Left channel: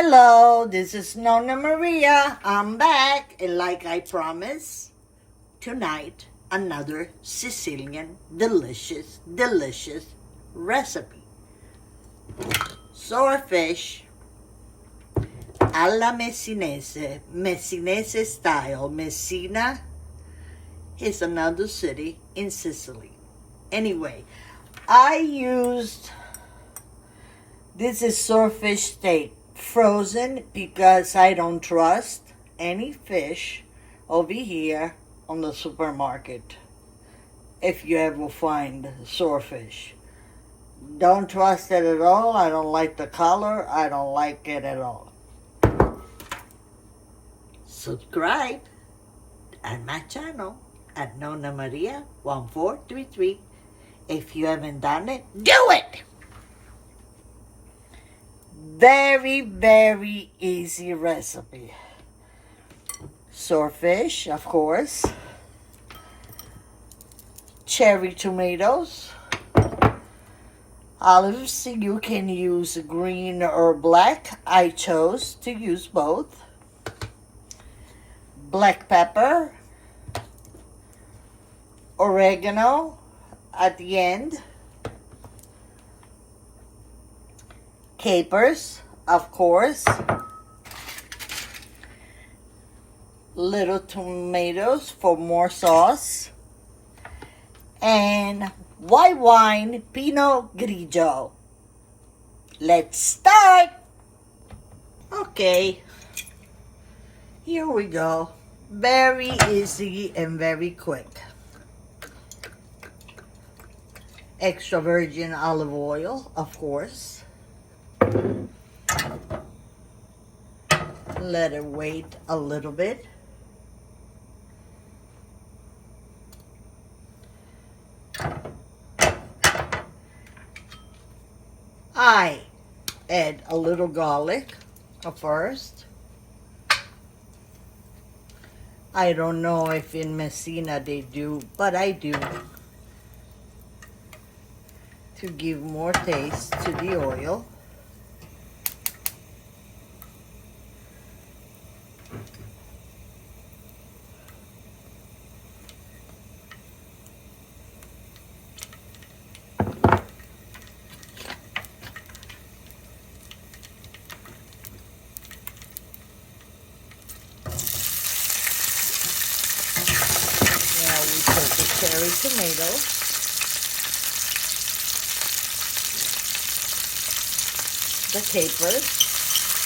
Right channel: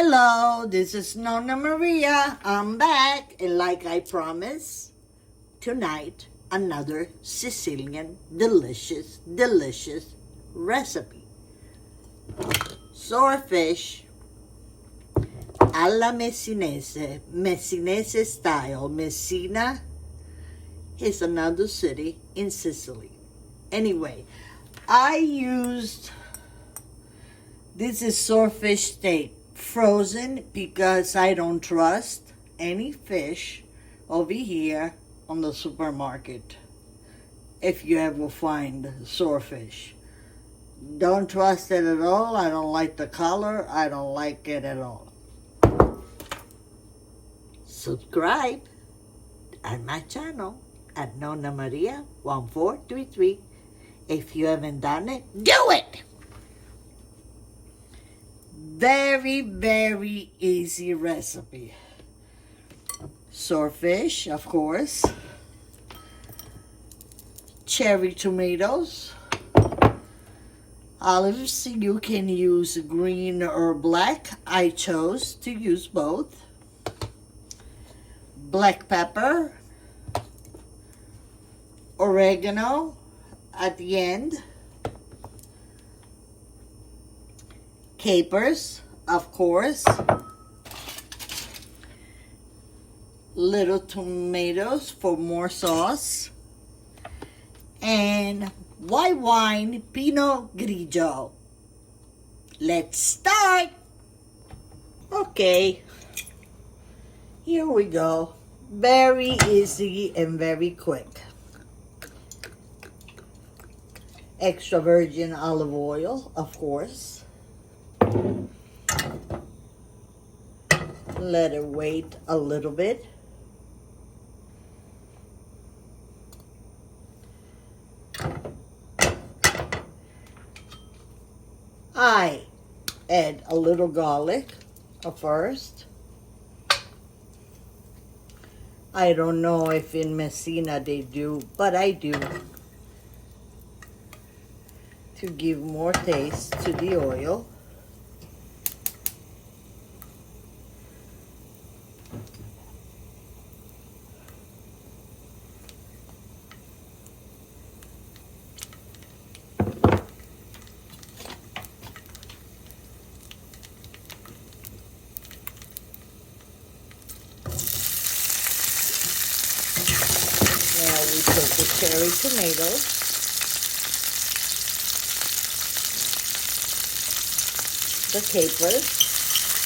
Hello, this is Nonna Maria. I'm back, and like I promised, tonight another Sicilian delicious recipe. Swordfish alla Messinese, Messinese style. Messina is another city in Sicily. Anyway, this is swordfish steak, frozen, because I don't trust any fish over here on the supermarket. If you ever find swordfish, don't trust it at all. I don't like the color. I don't like it at all. Subscribe at my channel at Nonna Maria 1433. If you haven't done it, do it! Very easy recipe. Swordfish, of course. Cherry tomatoes. Olives, you can use green or black. I chose to use both. Black pepper. Oregano at the end. Capers, of course. Little tomatoes for more sauce. And white wine, Pinot Grigio. Let's start. Okay, here we go. Very easy and very quick. Extra virgin olive oil, of course. Let it wait a little bit. I add a little garlic first. I don't know if in Messina they do, but I do, to give more taste to the oil. Now we put the cherry tomatoes. The capers.